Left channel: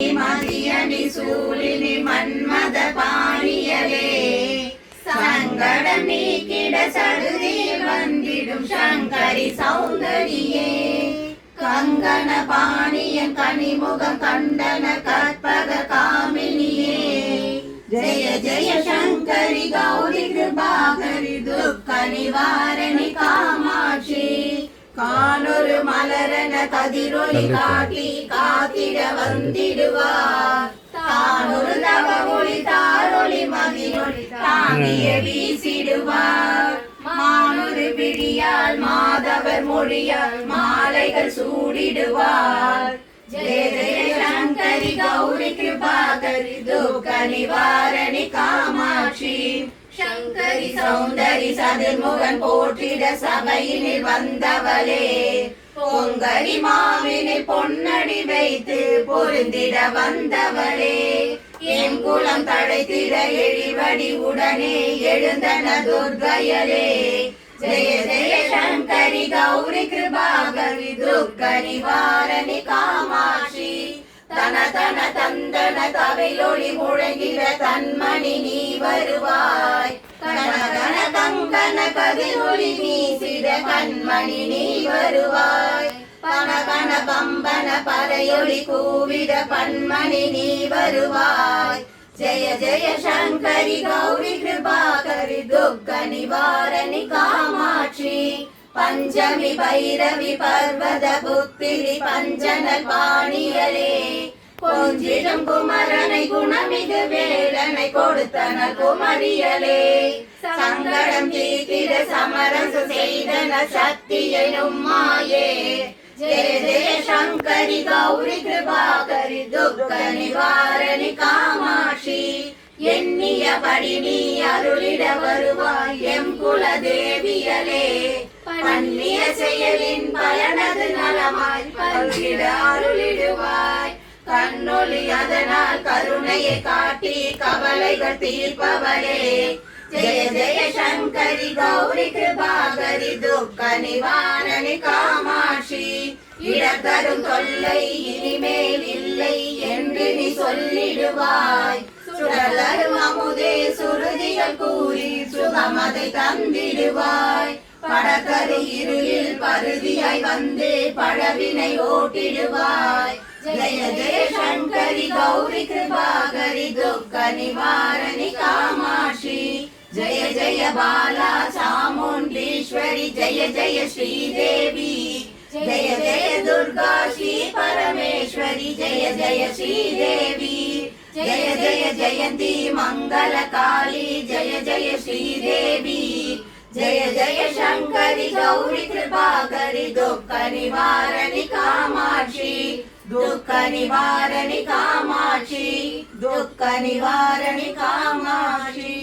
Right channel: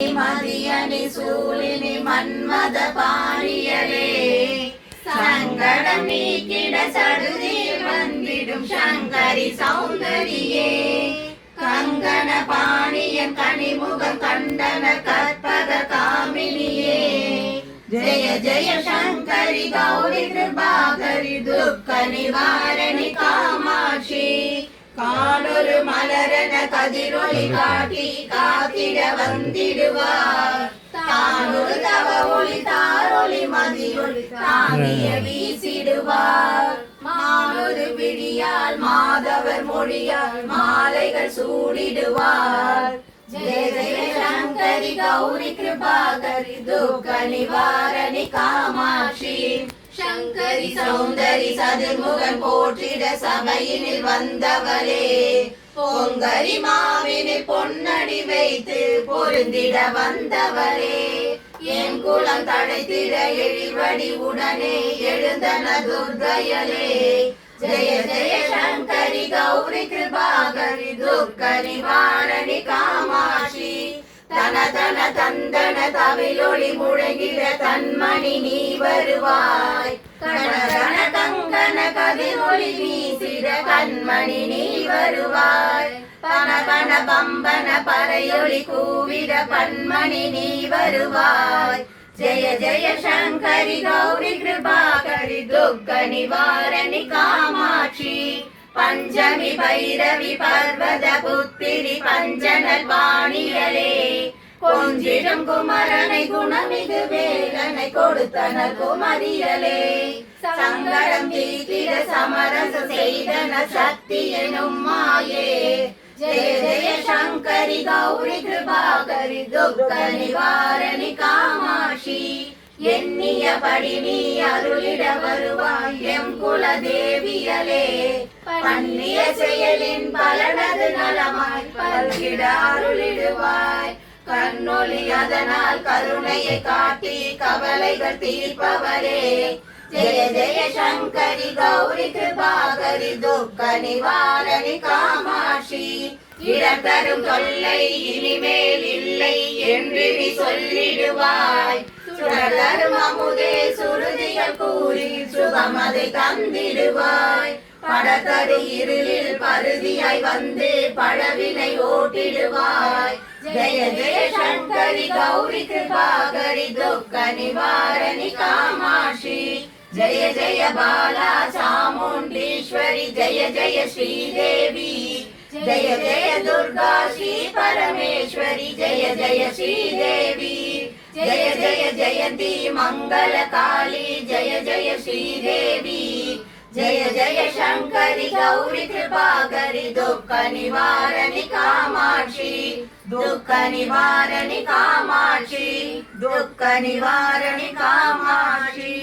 மதியணி சூழினி மன்மத பாணியலே சங்கடம் நீக்கிட சடுதியில் வந்திடும் சங்கரி சௌந்தரியே கங்கண பாணியன் கனிமுகம் கண்டன கற்பக காமினியே ஜய ஜய சங்கரி கௌரி கிருபாகரி துக்க நிவாரணி காமாட்சி காணொரு மலரன கதிரொளி காட்டி காத்திட வந்திடுவார் தானொரு தவ ஒளி தாரொளி மதியொளி தாங்கிய வீசிடுவார் மானொரு பிடியால் மாதவர் மொழியால் மாலைகள் சூடிடுவார் ஜெய ஜெய சங்கரி கௌரி கிருபாகரி துக்க நிவாரணி காமாட்சி சங்கரி சௌந்தரி சதுர்முகன் போற்றிட சபையினில் வந்தவளே பொங்கரி மாவினில் பொன்னடி வைத்து பொருந்திட வந்தவளே என் குலம் தடைத்திட எழிவடி உடனே எழுந்தன துர்க்கையலே ஜெய ஜெய சங்கரி கௌரி கிருபாகரி துக்க நிவாரணி காமாட்சி தன தன தந்தன தவையொளி முழங்கிட தன்மணி நீ வருவாய் கணகன கங்கன கதிரொளி வீசிட கண்மணி நீ வருவாய் பன கண பம்பன பறையொளி கூவிட பன்மணி நீ வருவாய் ஜெய ஜெய சங்கரி கௌரி கிருபாகரி துக்க நிவாரணி காமாட்சி பஞ்சமி பைரவி பர்வத புத்திரி பஞ்சனல் பாணியலே கொஞ்சிடம் குமரனை குணமிகு வேலனை கொடுத்தன குமரியலே சங்கடம் தீக்கிட சமரச செய்தன சக்தி எனும் மாயே ஜெய ஜெய சங்கரி கௌரி கிருபாகரி துக்க நிவாரணி காமாட்சி எண்ணியபடி நீ அருளிட வருவாய் எம் குல தேவியலே பண்ணிய செயலின் பலனது நலமாய் பல்கிட அருளிடுவாய் கண்ணொளி அதனால் கருணையை காட்டி கவலைகள் தீர்ப்பவரே ஜெய ஜெய சங்கரி கௌரி கிருபாகரி துக்க நிவாரணி காமாட்சி இடத்தரும் தொல்லை இனிமேல் இல்லை என்று நீ சொல்லிடுவாய் சுடர்தரும் அமுதே சுருதிகள் கூறி சுகமதை தந்திடுவாய் படத்தரு இருளில் பருதியாய் வந்து பழவினை ஓட்டிடுவாய் ஜெய ஜெய சங்கரி கௌரி கிருபாகரி துக்க நிவாரணி காமாட்சி ஜெய ஜெய பாலா சாமுண்டீஸ்வரி ஜெய ஜெய ஸ்ரீதேவி ஜெய ஜெய துர்கா ஸ்ரீ பரமேஸ்வரி ஜெய ஜெய ஸ்ரீதேவி ஜெய ஜெய ஜெயந்தி மங்கள காளி ஜெய ஜெய ஸ்ரீதேவி ஜெய ஜெய சங்கரி கௌரி கிருபாகரி துக்க நிவாரணி காமாட்சி துக்க நிவாரணி காமாட்சி துக்க நிவாரணி காமாட்சி.